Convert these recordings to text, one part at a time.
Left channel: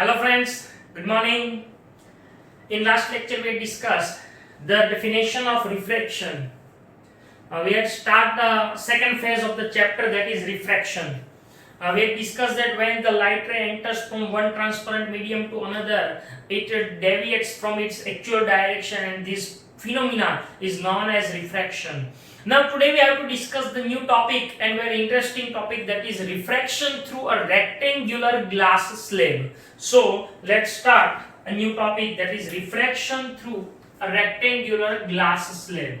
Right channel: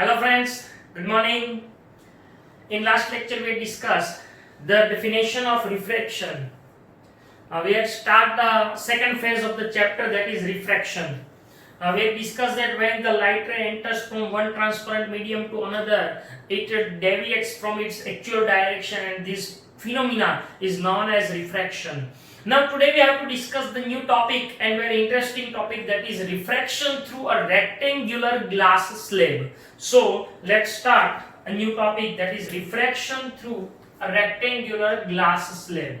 Hello friends, good morning. In last lecture we discussed the definition of refraction. We had start the second phase of the chapter, that is refraction. We had discussed that when the light ray enters from one transparent medium to another, it deviates from its actual direction, and this phenomena is known as refraction. Now today we have to discuss the new topic and very interesting topic, that is refraction through a rectangular glass slab. So let's start a new topic, that is refraction through a rectangular glass slab.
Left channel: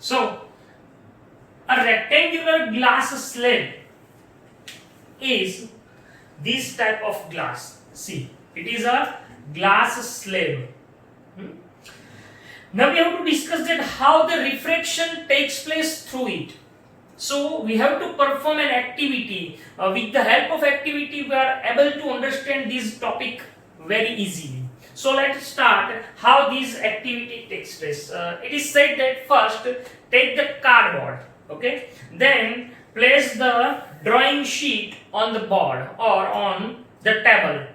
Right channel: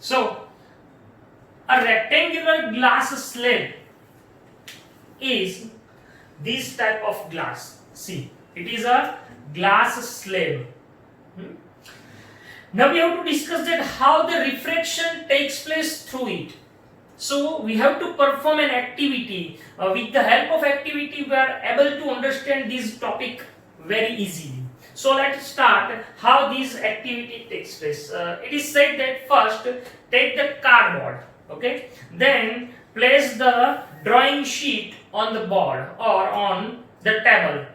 So, a rectangular glass slab is this type of glass. See, it is a glass slab. Now we have to discuss that how the refraction takes place through it. So we have to perform an activity. With the help of activity, we are able to understand this topic very easily. So let's start how this activity takes place. It is said that first take the cardboard, okay? Then place the drawing sheet on the board or on the table.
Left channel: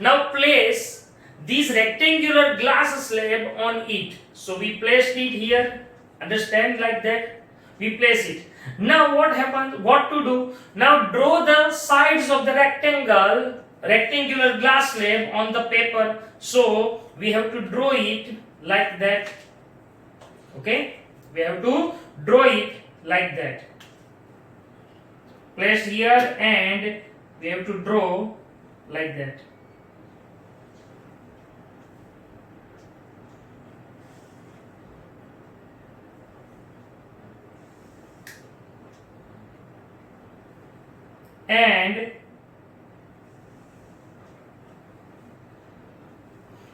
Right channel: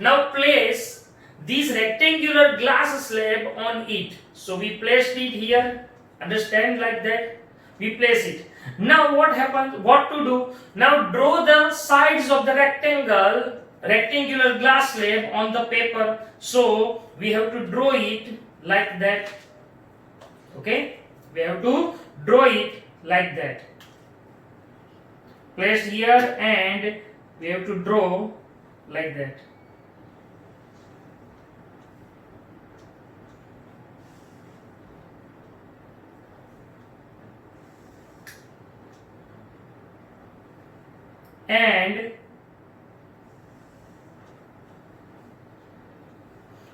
Now place this rectangular glass slab on it. So we placed it here, understand, like that. We place it. Now what happens? What to do? Now draw the sides of the rectangular glass slab on the paper. So we have to draw it like that. Okay? We have to draw it like that. Place here and we have to draw like that. And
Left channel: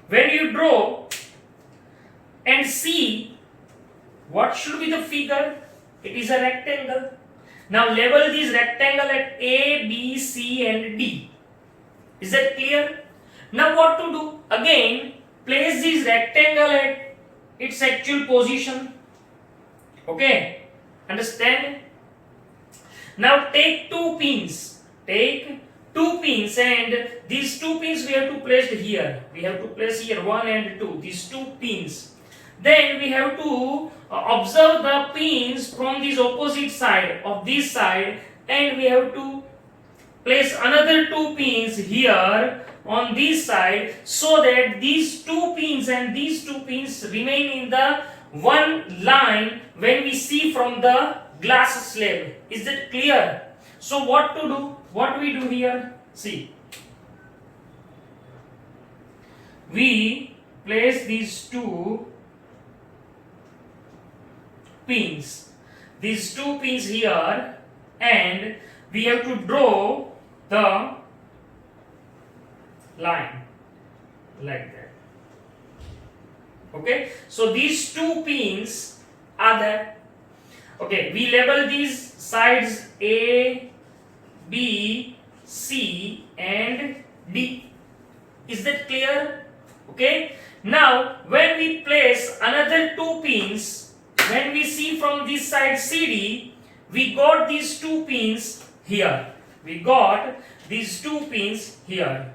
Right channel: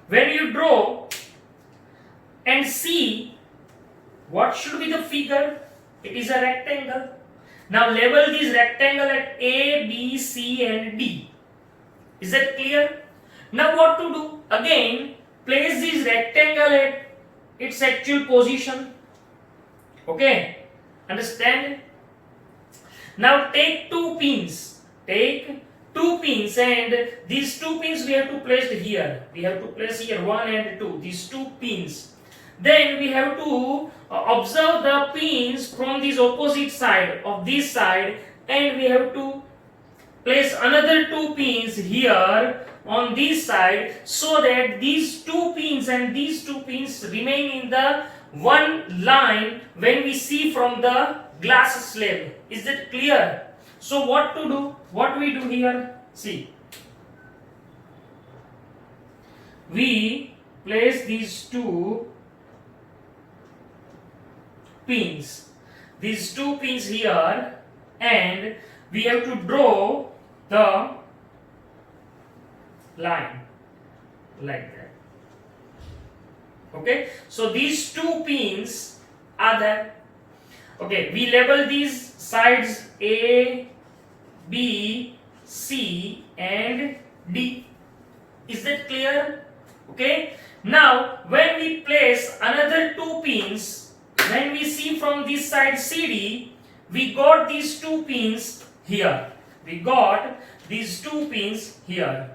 when you draw and see what should be the figure, it is a rectangle. Now label this rectangle at A, B, C and D. Is that clear? Now what to do? Again, place this rectangle at its actual position. Okay? Understand? Now take two pins. Take two pins, and these two pins we have to place here. We have to place here 1 and 2. These two pins. Then we have to observe the pins from this opposite side of this side, and we have to place another two pins here on this side, so that these two pins and these two pins remain in the one line when we see from the glass slab. Is that clear? So what to do? What we do here? See, we place these two pins. These two pins here, and we have to draw the line like that. Okay, so these two pins are there. Okay, we label these sides A, B, C and D. Is that clear? Okay. Now when we place another two pins, when we see from this side CD, we got these two pins here. We got these two pins here.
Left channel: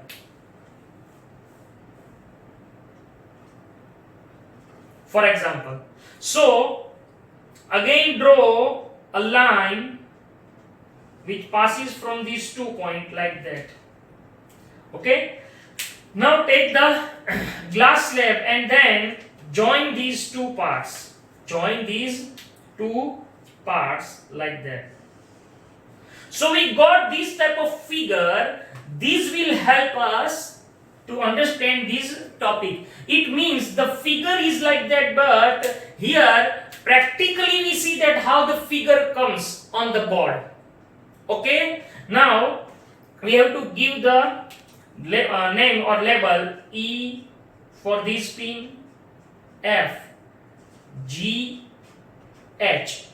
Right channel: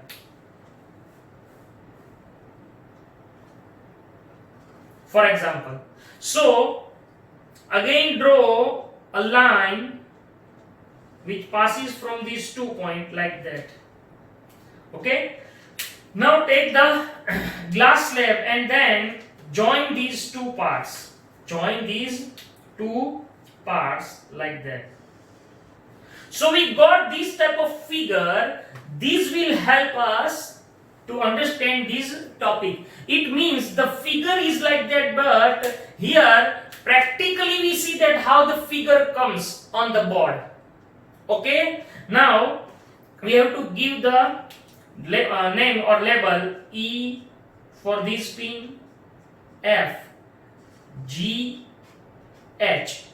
For example, so again draw a line which passes from these 2 points like that. Okay? Now take the glass slab and then join these two parts. Join these two parts like that. So we got this type of figure. This will help us to understand this topic. It means the figure is like that, but here practically we see that how the figure comes on the board. Okay, now we have to give the name or label E for this pin, F, G, H.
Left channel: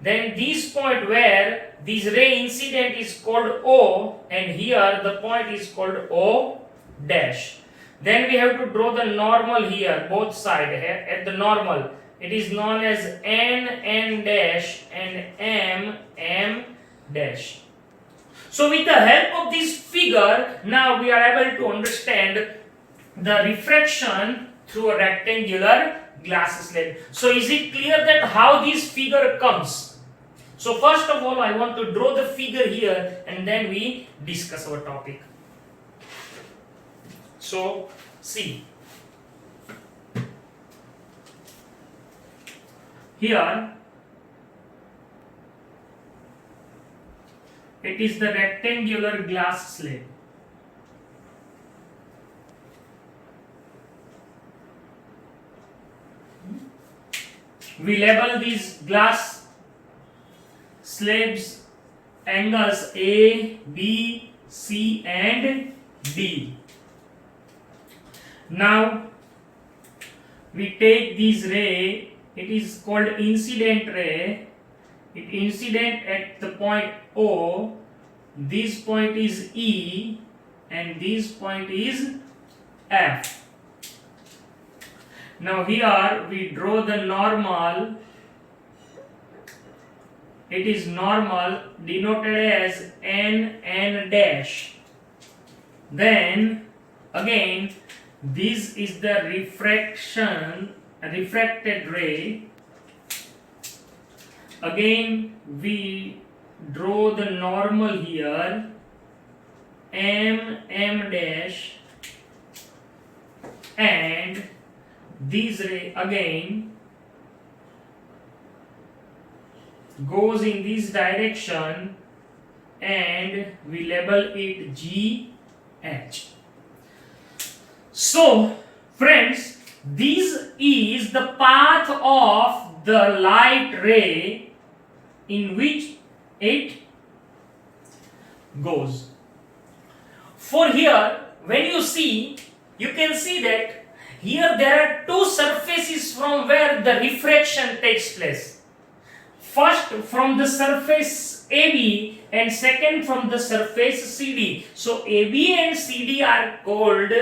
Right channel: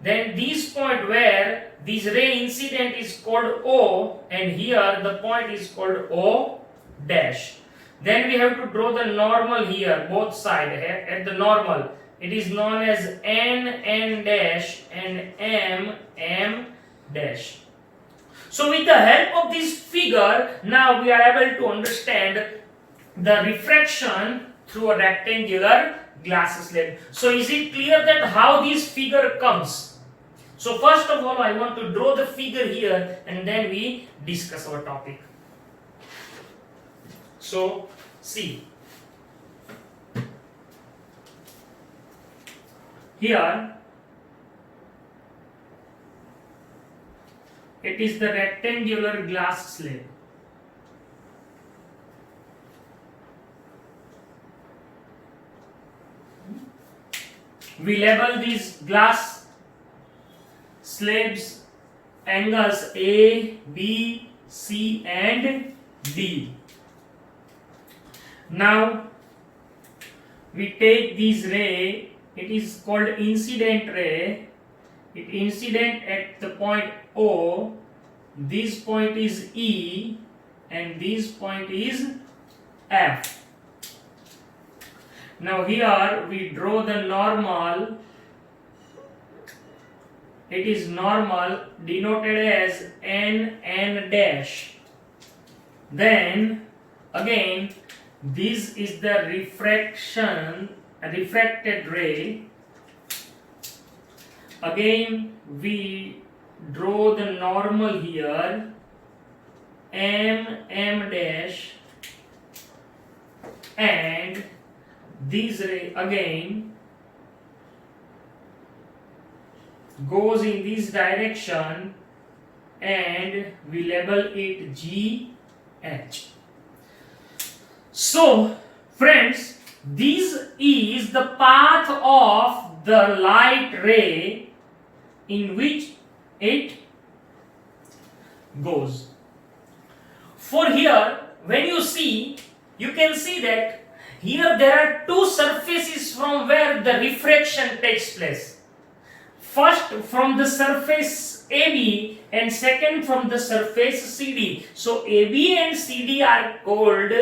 Then this point where this ray incident is called O, and here the point is called O dash. Then we have to draw the normal here, both sides. At the normal, it is known as N dash and M dash. So with the help of this figure, now we are able to understand the refraction through a rectangular glass slab. So is it clear that how this figure comes? So first of all, I want to draw the figure here and then we discuss our topic. So see, here it is the rectangular glass slab. We label these glass slabs angles A, B, C and D. Now we take this ray, it is called incident ray. It incident at the point O, this point is E and this point is F. Now here we draw the normal. It is normal denoted as N dash. Then again this is the refracted ray. Again we draw the normal here, M dash, and this ray again goes in this direction and we label it GH. So friends, this is the path of the light ray in which it goes. For here, when you see, you can see that here there are two surfaces from where the refraction takes place. First from the surface AB and second from the surface CD. So AB and CD are called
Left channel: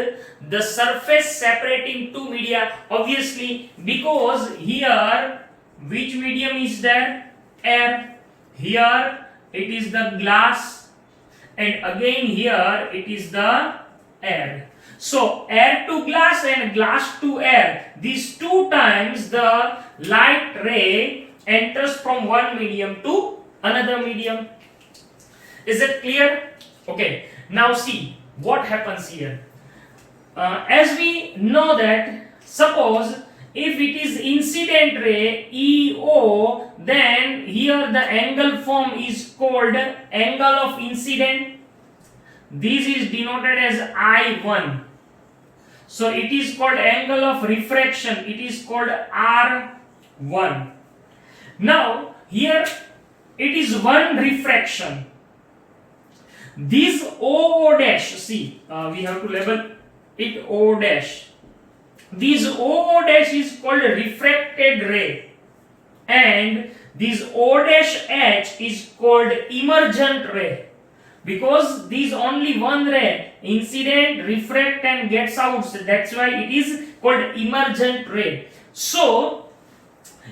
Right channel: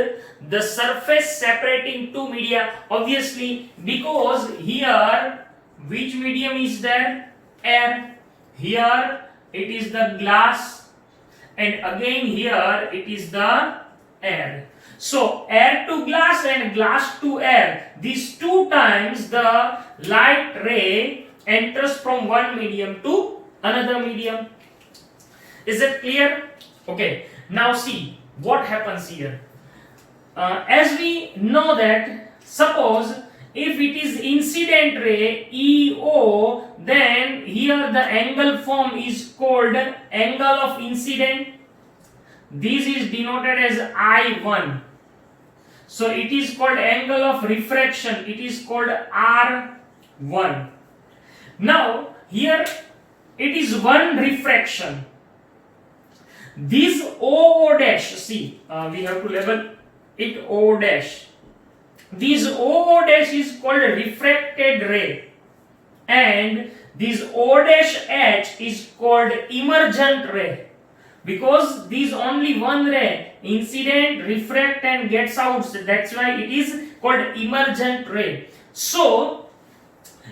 the surface separating two media, obviously, because here which medium is there? Air. Here it is the glass, and again here it is the air. So air to glass and glass to air, these two times the light ray enters from one medium to another medium. Is it clear? Okay, now see what happens here. As we know that, suppose if it is incident ray EO, then here the angle form is called angle of incident. This is denoted as I1. So it is called angle of refraction. It is called R1. Now here it is one refraction. This O dash, see, we have to label it O dash. This O dash is called refracted ray, and this O dash H is called emergent ray, because this only one ray, incident, refract and gets out. So that's why it is called emergent ray. So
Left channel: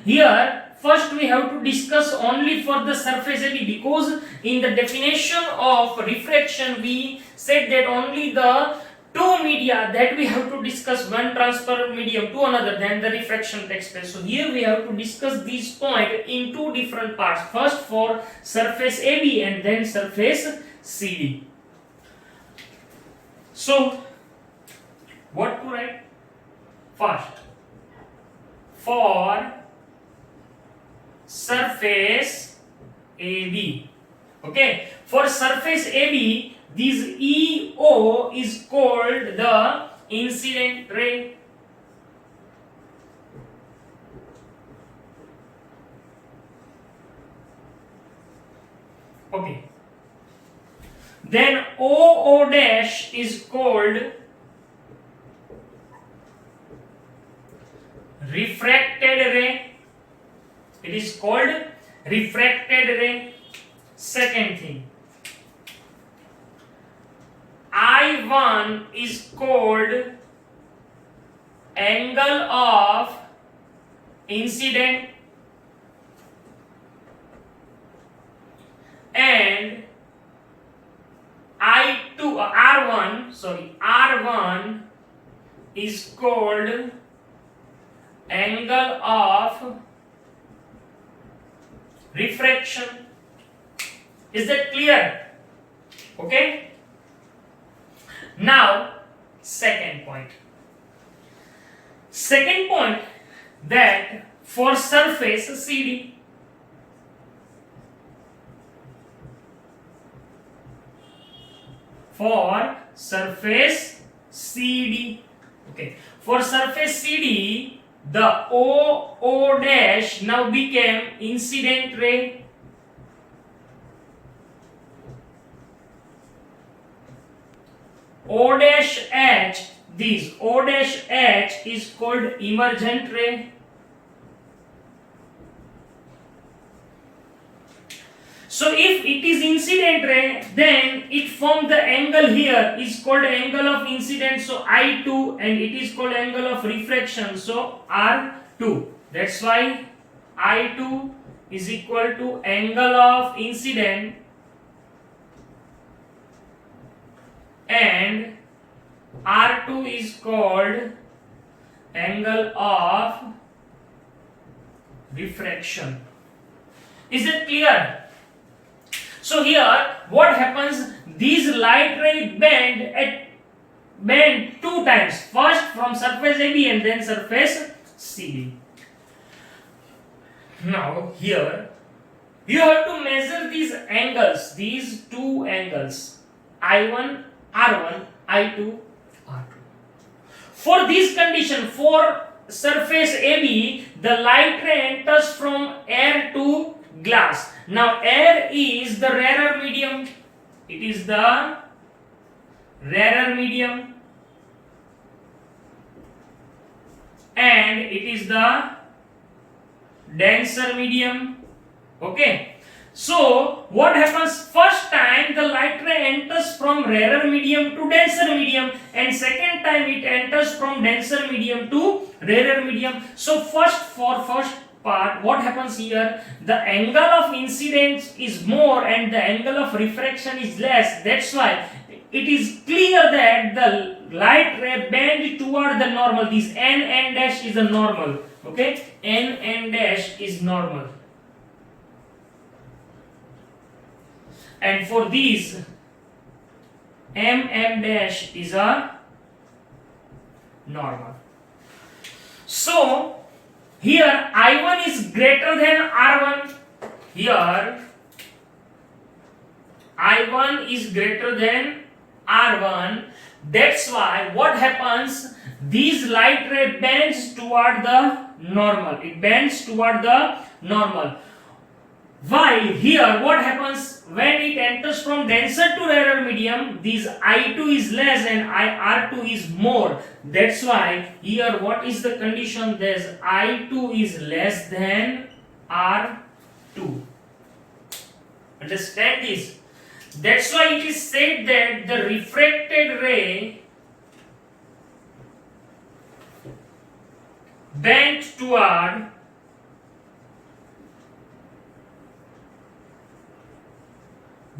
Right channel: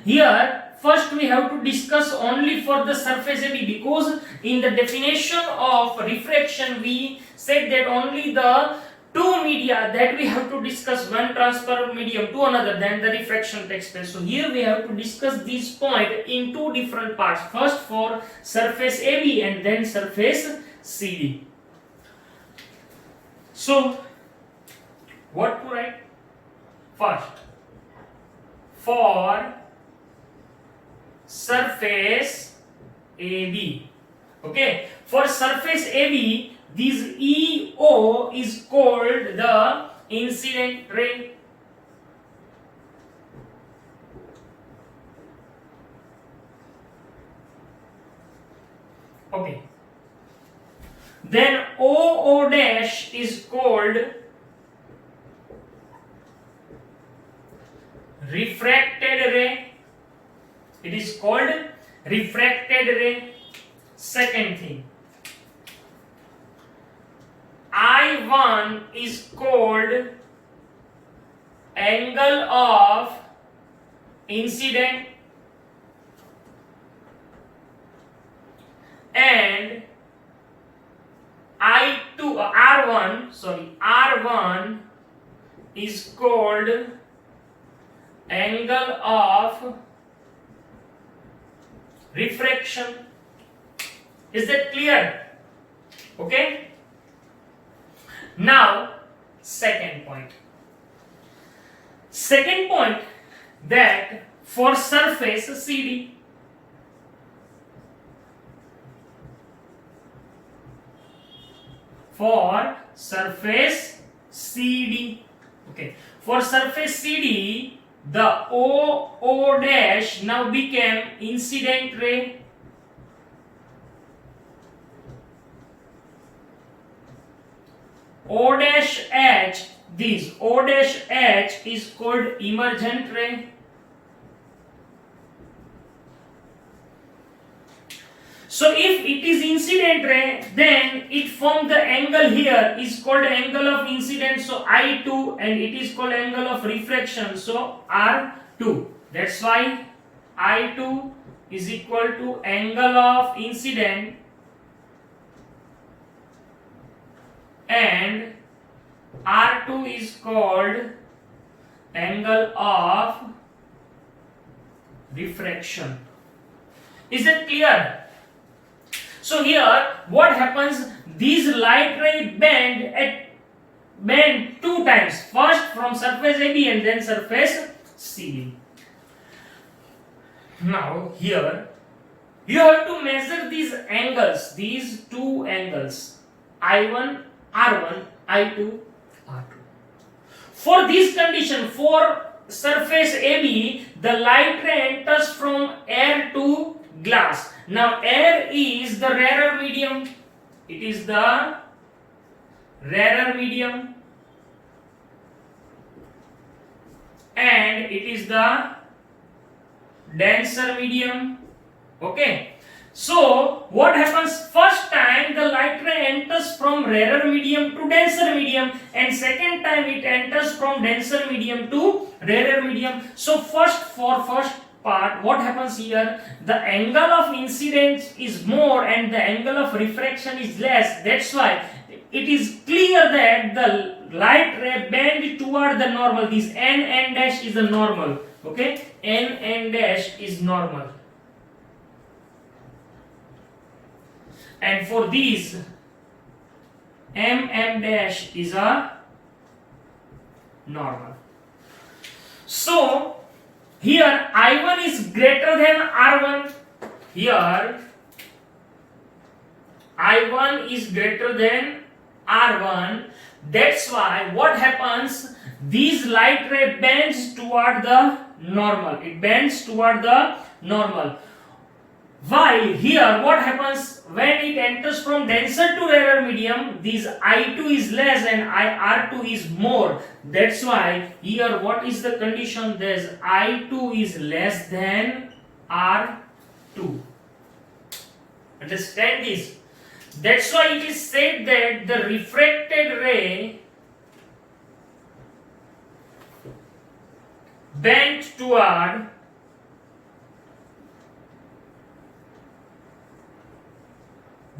here first we have to discuss only for the surface AB, because in the definition of refraction we said that only the two media that we have to discuss, one transparent medium to another, then the refraction takes place. So here we have to discuss this point in two different parts, first for surface AB and then surface CD. So what to write? First, for surface AB. Okay, for surface AB, this EO is called the incident ray. Okay. Then OO dash is called refracted ray. It is called refracted ray. second thing, I1 is called angle of incident and R1 is called angle of refraction. Is that clear? Okay. Now, second point. Second point, that for surface CD, for surface CD, okay, for surface CD, the O dash now became incident ray. O dash H, this O dash H is called emergent ray. So if it is incident ray, then it forms the angle here is called angle of incident, so I2, and it is called angle of reflection, so R2. That's why I2 is equal to angle of incident and R2 is called angle of refraction. Is it clear? So here what happens, these light ray bend two times, first from surface AB and then surface CD. Now here you have to measure these angles, these two angles, I1 R1, I2 R2. For this condition, for surface AB, the light ray enters from air to glass. Now air is the rarer medium. It is the rarer medium and it is the denser medium. Okay. So what happens, first time the light ray enters from rarer medium to denser medium, and second time it enters from denser medium to rarer medium. So first part, what happens here, the angle of incidence is more and the angle of refraction is less. That's why it is clear that the light ray bend toward the normal. This n dash is the normal. Okay, n dash is normal. And for these, m dash is a normal. So here I1 is greater than R1. Here I1 is greater than R1. That's why what happens, these light ray bends toward the normal. It bends toward the normal. While here what happens, when it enters from denser to rarer medium, this I2 is less and R2 is more. That's why here what is the condition, there's I2 is less than R2. Understand this? That's why it is said that the refracted ray bent toward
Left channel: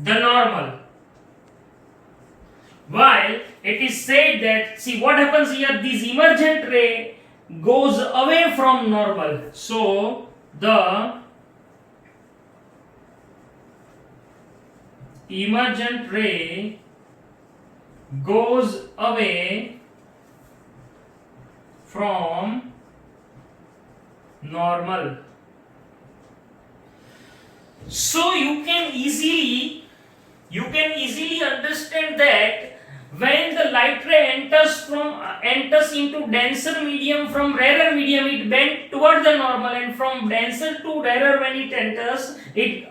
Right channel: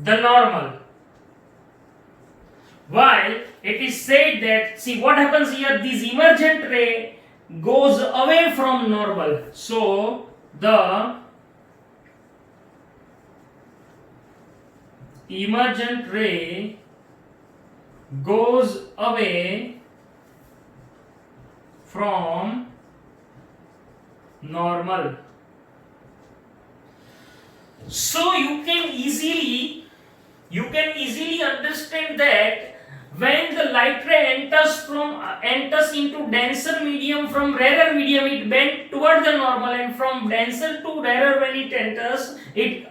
the normal. While it is said that, see what happens here, this emergent ray goes away from normal. So the emergent ray goes away from normal. So you can easily understand that when the light ray enters into denser medium from rarer medium, it bends toward the normal, and from denser to rarer when it enters, it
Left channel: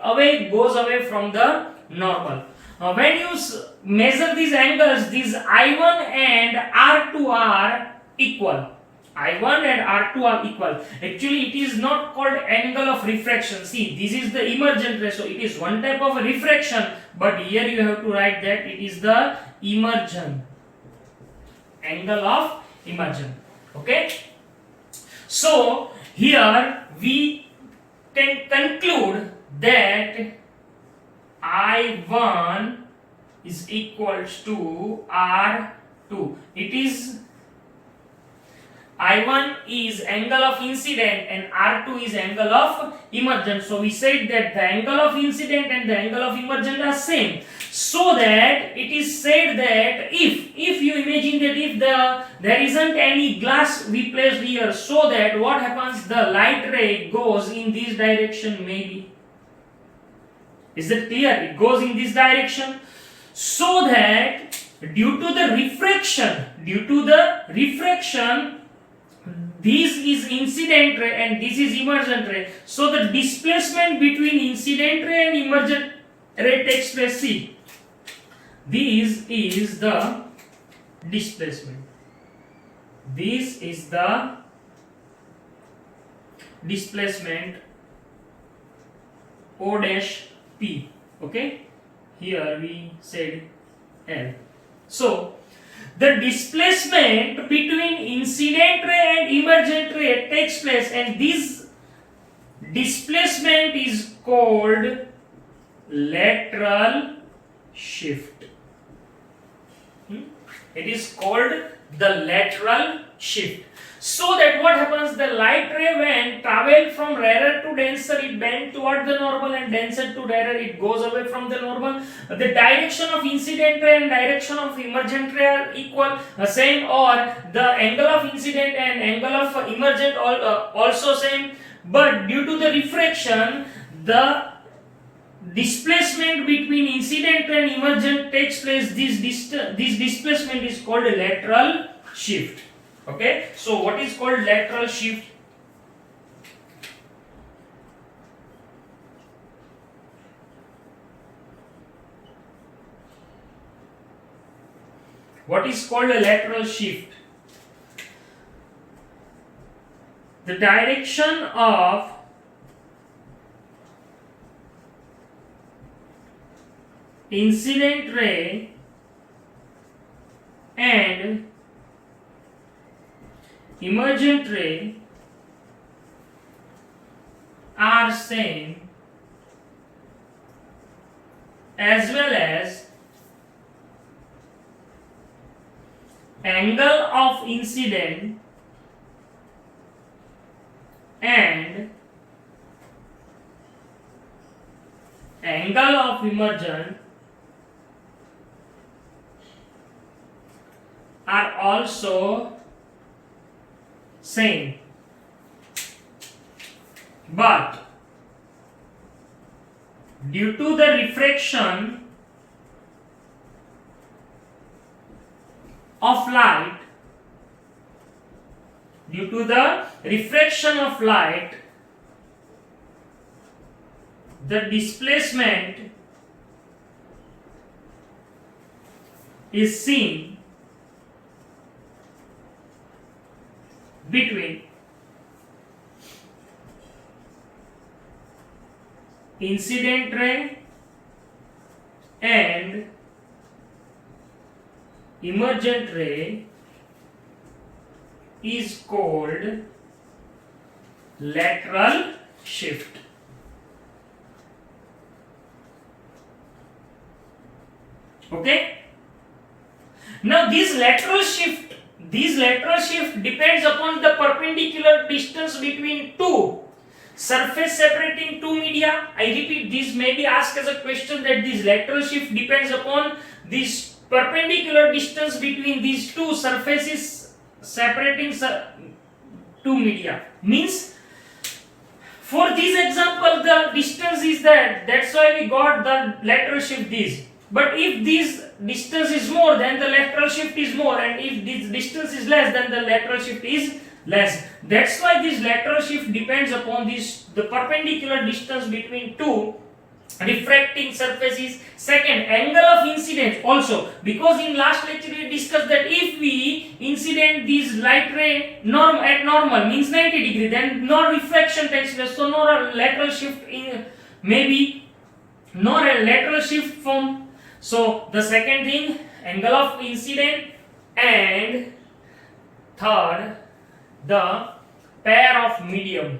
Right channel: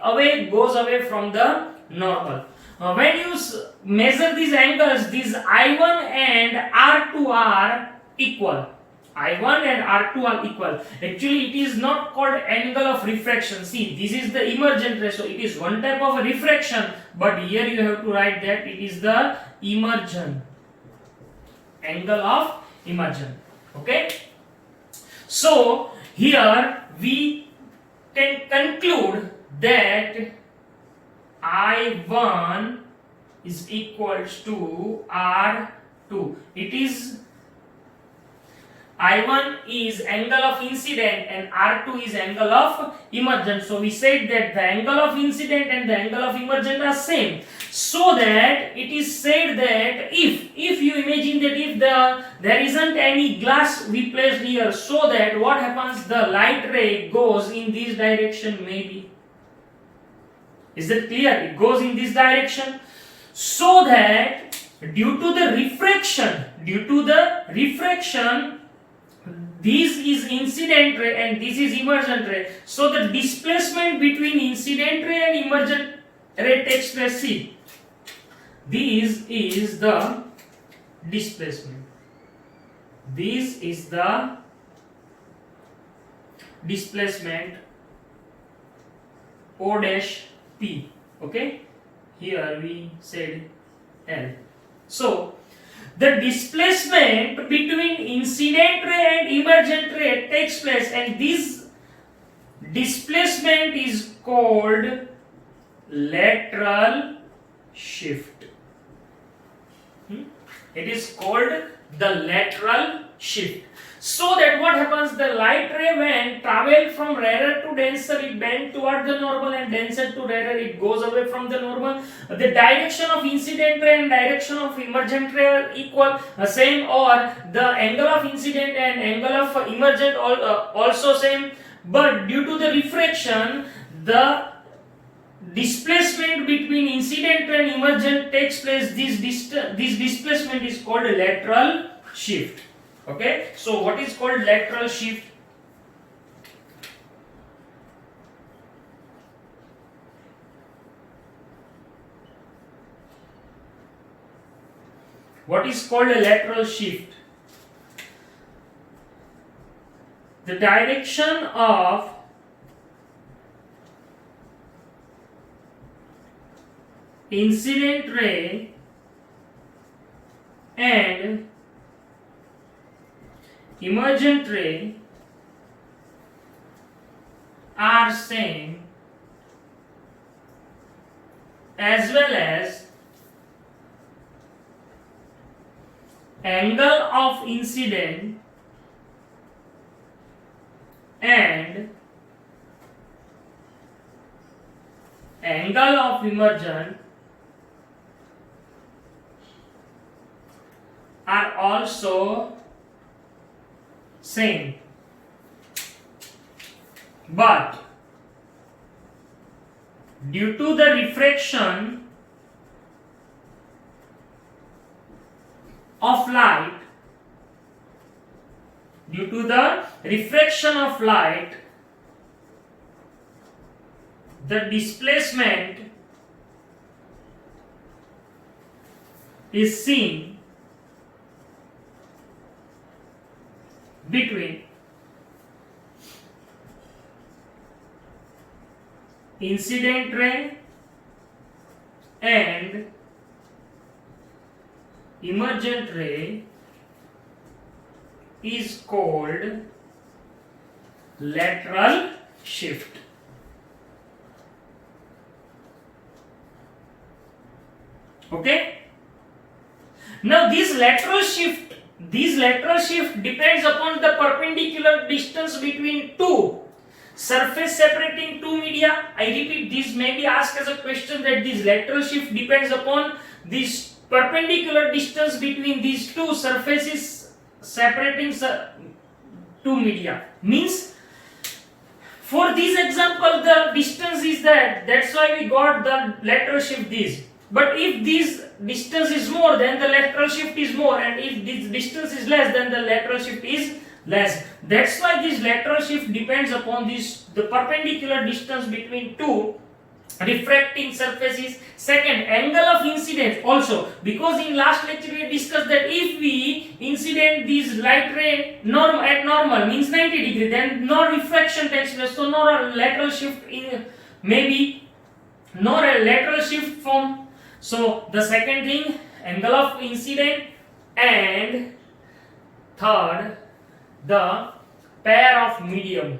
goes away from the normal. When you measure these angles, these I1 and R2 are equal. I1 and R2 are equal. Actually, it is not called angle of refraction. See, this is the emergent ray, so it is one type of refraction, but here you have to write that it is the emergent. Angle of emergent. Okay? So, here we can conclude that I1 is equals to R2. It is I1 is angle of incident and R2 is angle of emergent. So we said that the angle of incident and the angle of emergent are same. So that it is said that if you imagine that if there isn't any glass we placed here, so that what happens, the light ray goes in this direction maybe. Is that clear? It goes in this direction. So that due to the refraction, this is incident ray and this is emergent ray. So the displacement between incident ray and emergent ray takes place. See, this is the displacement. This is the displacement O dash P. Okay, here we said L. So the displacement between incident ray and emergent ray takes place, and this displacement is called lateral shift. It is called the lateral shift. So that what happens, the light ray when travel from rarer to denser, it bends toward the normal, and denser to rarer, it goes away from the normal. The direction of incident ray and direction of emergent ray are equal, same, or the angle of incident and angle of emergent also same. But due to the refraction, the displacement between incident and emergent takes place. This displacement is called a lateral shift. Okay, so what is called lateral shift? What is called a lateral shift? The direction of incident ray and emergent ray are same, as well as angle of incident and angle of emergent are also same, but due to the refraction of light, the displacement is seen between incident ray and emergent ray is called lateral shift. Okay? Now this lateral shift depends upon the perpendicular distance between two surface separating two media. I repeat, this may be asked as a question, that this lateral shift depends upon this perpendicular distance between these two surfaces separating two media. Means, for this example, the distance is that's why we got the lateral shift this. But if this distance is more, then the lateral shift is more, and if this distance is less, then the lateral shift is less. That's why this lateral shift depends upon the perpendicular distance between two refracting surface is. Second, angle of incidence also, because in last lecture we discussed that if we incident these light ray at normal means 90 degree, then no refraction takes place, so no lateral shift in, maybe no lateral shift form. So the second thing, angle of incident, and third, the pair of medium.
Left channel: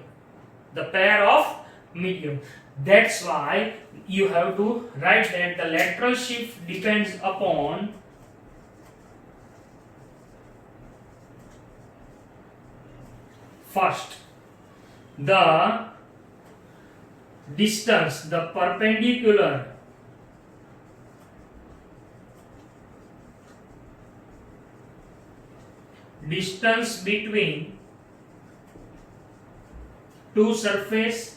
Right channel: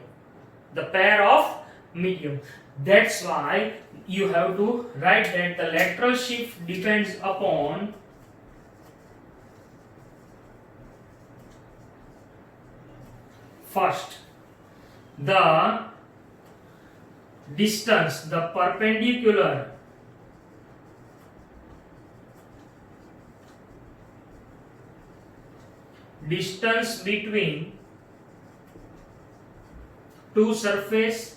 The pair of medium. That's why you have to write that the lateral shift depends upon first the distance, the perpendicular distance between two surface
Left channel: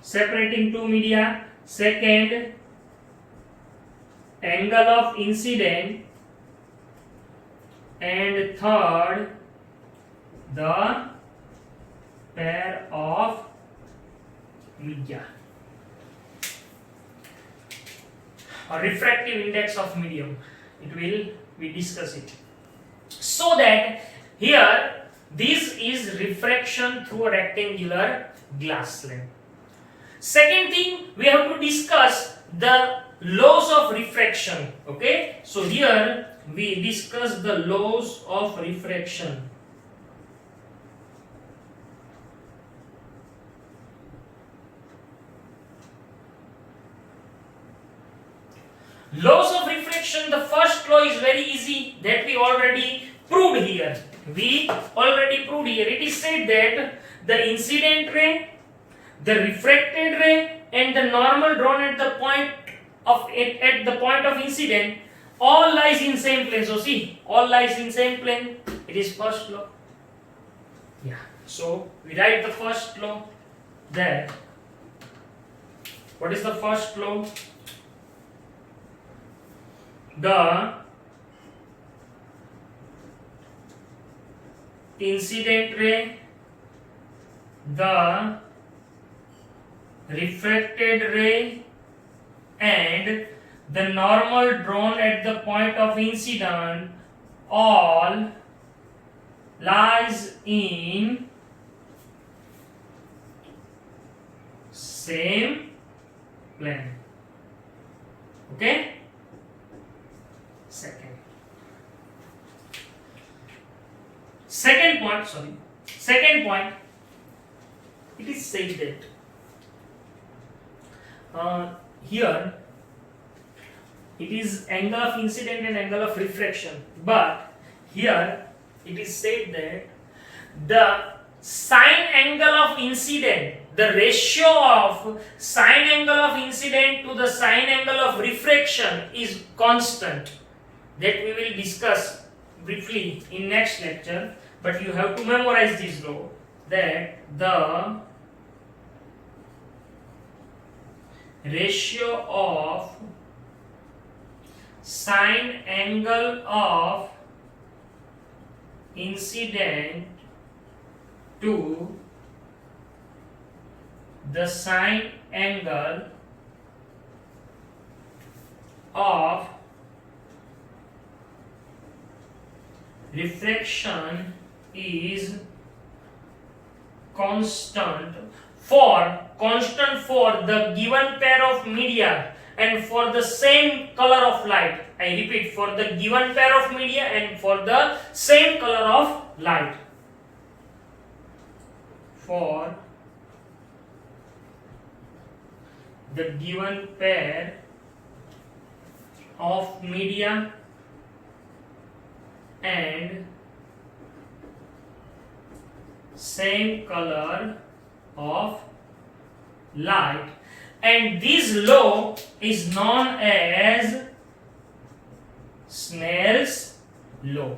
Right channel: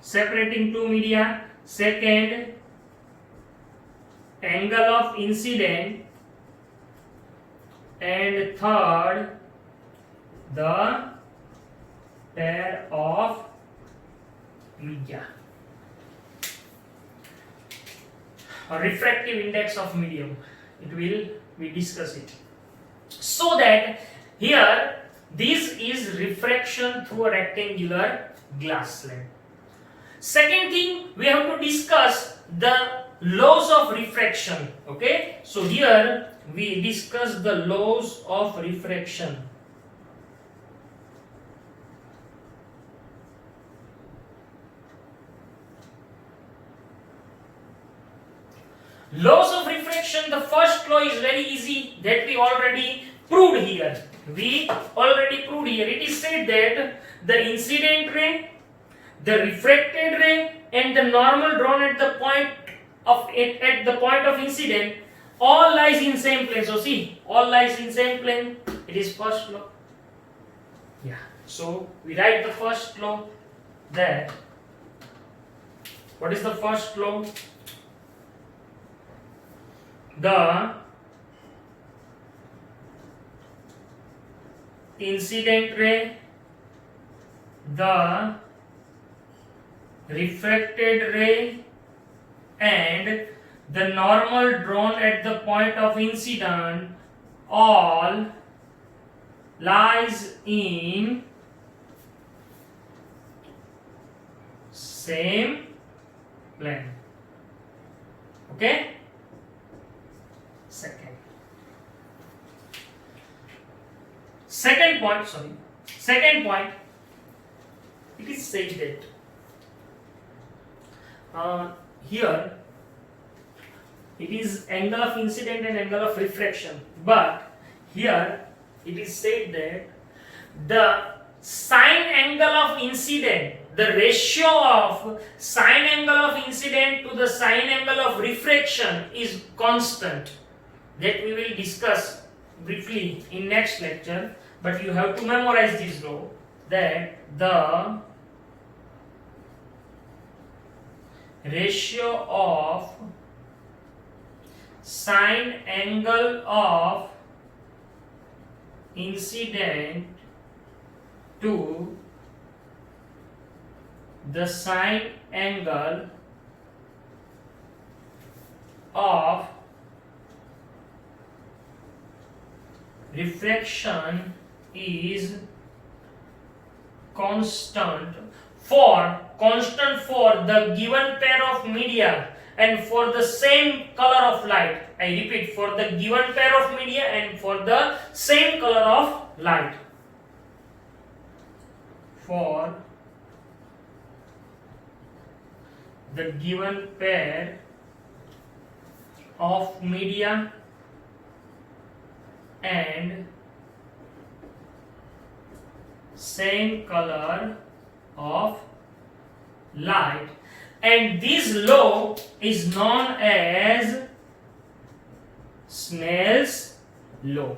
separating two media. Second, angle of incident, and third, the pair of media or refractive index of medium. We discuss it. So that here this is refraction through a rectangular glass slab. Second thing, we have to discuss the laws of refraction. Okay, so here we discuss the laws of refraction. Laws of refraction, the first law is very easy, that we already proved here. It is said that the incident ray, the refracted ray, and the normal drawn at the point of incident all lies in same plane. So see, all lies in same plane. It is first law. Yeah. So we write the first law. That what is the first law? The incident ray, the refracted ray, and the normal drawn at the point of incident all lies in same plane. Okay? Second point, it is said that here it is angle of incident and angle of refraction, but here it is said that the sine angle of incident, the ratio of sine angle of incident to the sine angle of refraction is constant. That we will discuss briefly in next lecture, but you have to memorize this law, that the ratio of sine angle of incident to the sine angle of refraction is constant for the given pair of media and for the same color of light. I repeat, for the given pair of media and for the same color of light. For the given pair of media and same color of light, and this law is known as Snell's law.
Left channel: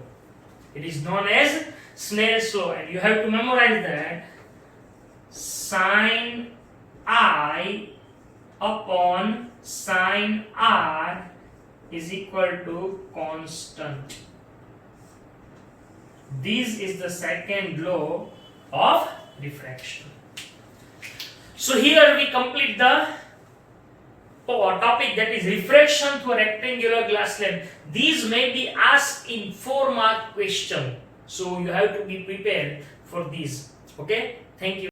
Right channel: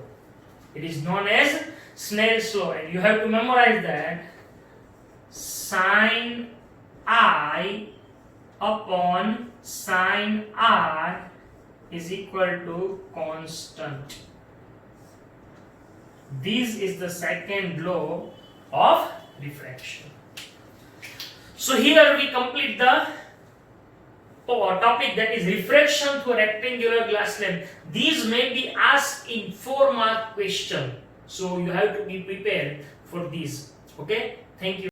It is known as Snell's law, and you have to memorize that sine I upon sine R is equal to constant. This is the second law of refraction. So here we complete the topic, that is refraction through a rectangular glass slab. These may be asked in 4-mark question, so you have to be prepared for these. Okay, thank you.